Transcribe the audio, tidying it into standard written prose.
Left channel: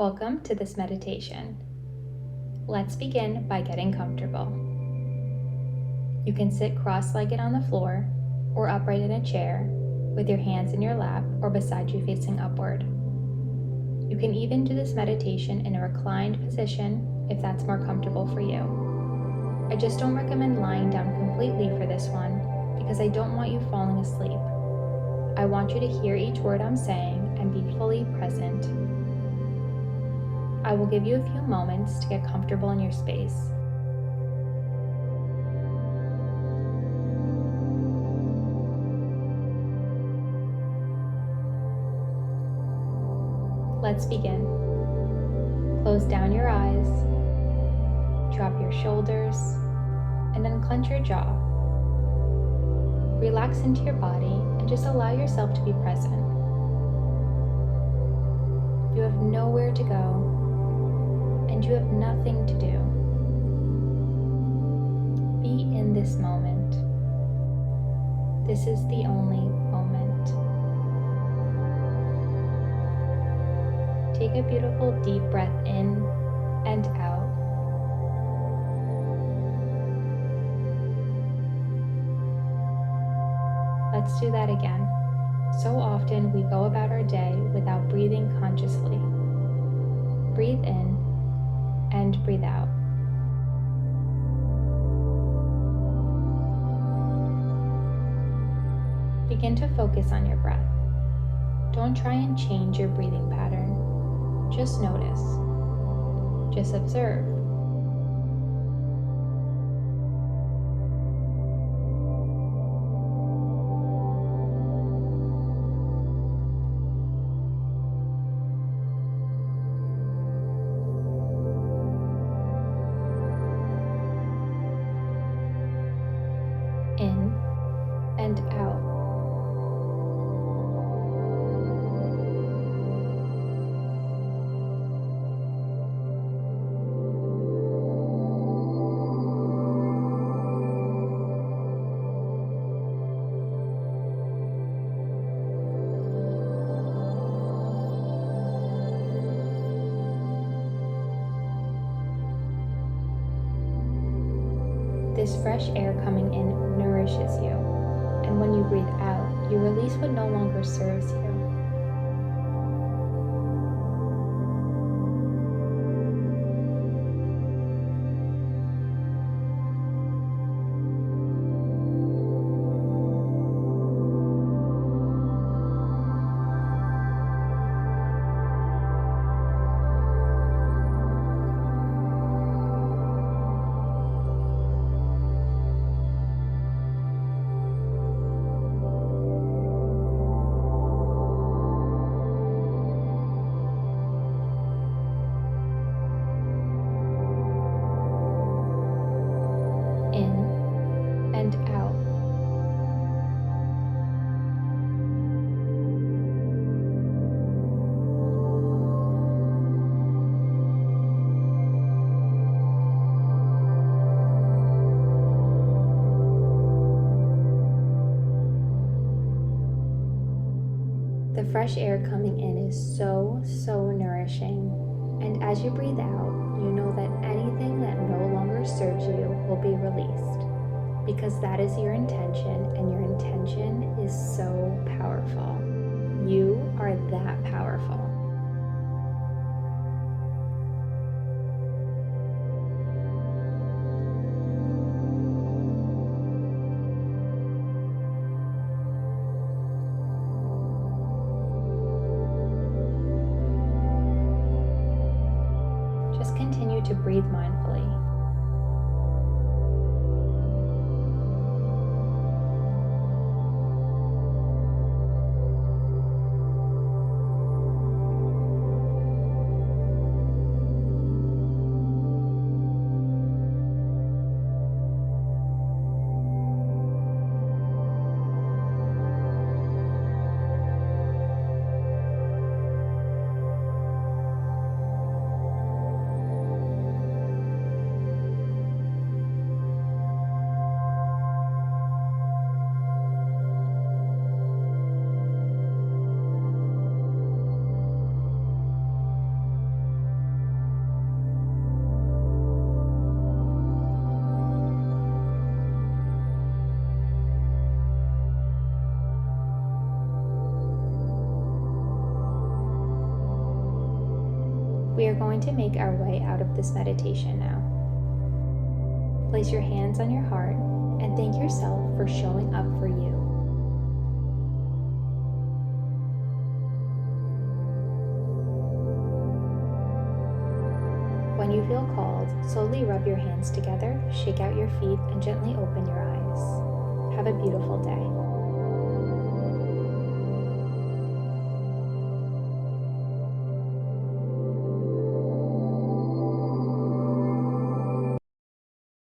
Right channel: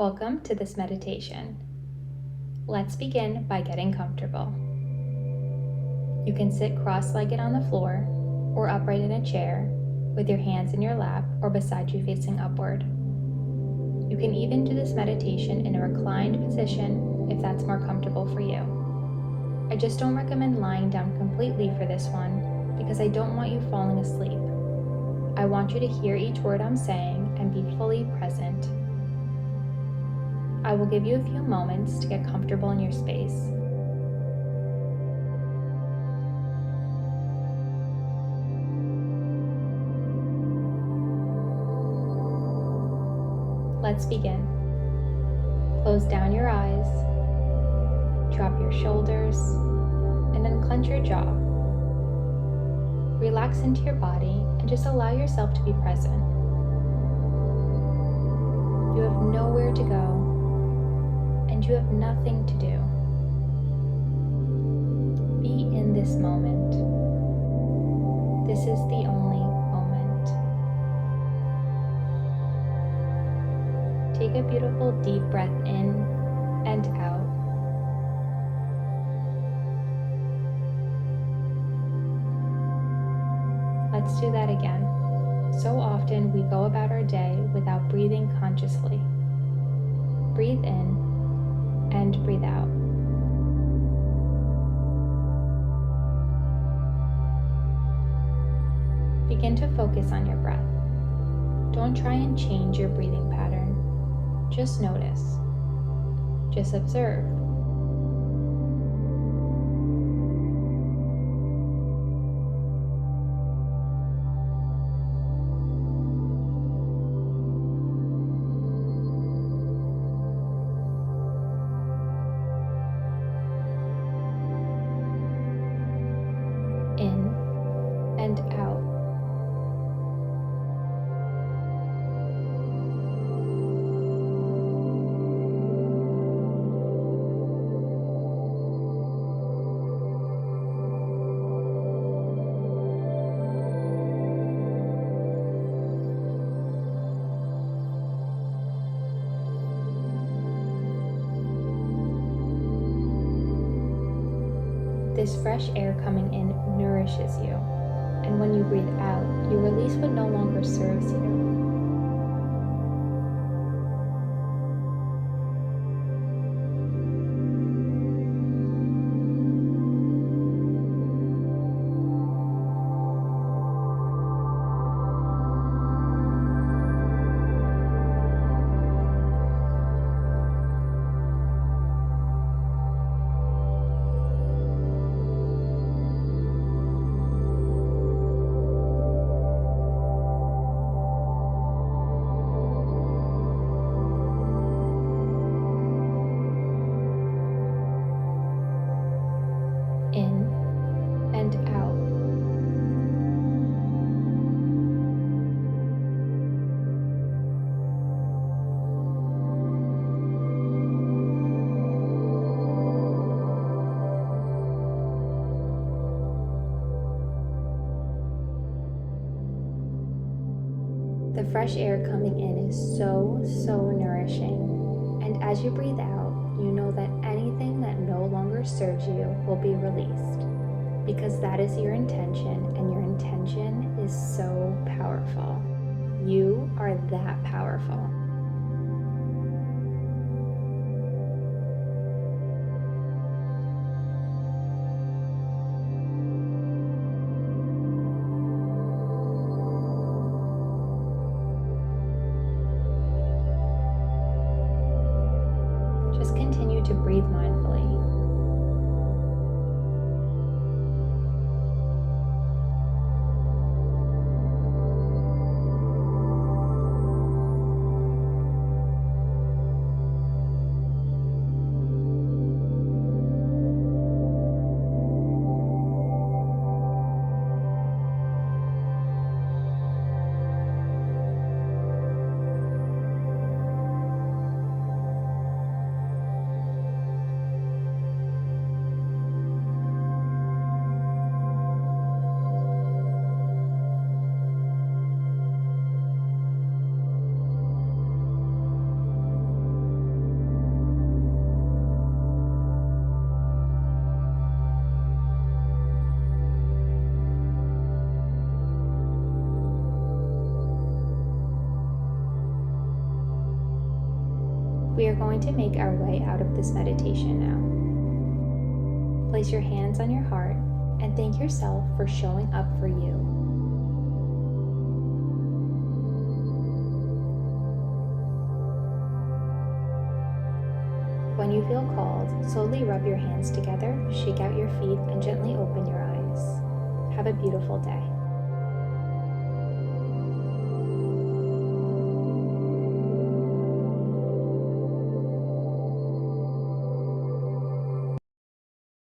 Welcome to this meditation. Let's begin by getting comfortable. You can sit cross-legged on the floor or upright in a chair with your hands in your lap or beside you facing upward. You can even do this meditation in a reclined position if that's more comfortable for you. I just don't recommend lying down completely for this one because I don't want you falling asleep. I want you to hear each word I'm saying and be fully present. I will give you a few moments to get comfortable in your space. Let's begin. Close down your eyes, drop your shoulders, and unclench your jaw. Relax into your body and just allow yourself to be present. You have nowhere to go, and you have nothing to do. Be in this moment. This is the only moment. Take a beautiful deep breath in and out. Let's do that again. So often we go about our day without breathing consciously. Breathe in and breathe out. Begin to focus on your breath. Don't try and change your breathing pattern. Just notice. Just observe. In and out. This fresh air coming in nourishes you, and when you breathe out, you release what no longer serves you. In and out. The fresh air coming in is so nourishing. And as you breathe out, you know that anything that no longer serves you will be released, because that is your intention, and your intention is so powerful. You are that powerful. Just continue to breathe mindfully. We are going to make our way out of this meditation now. Place your hands on your heart and thank yourself for showing up for you. When you feel called, slowly rub your hands together, shake out your feet, and gently open your eyes. Have a beautiful day.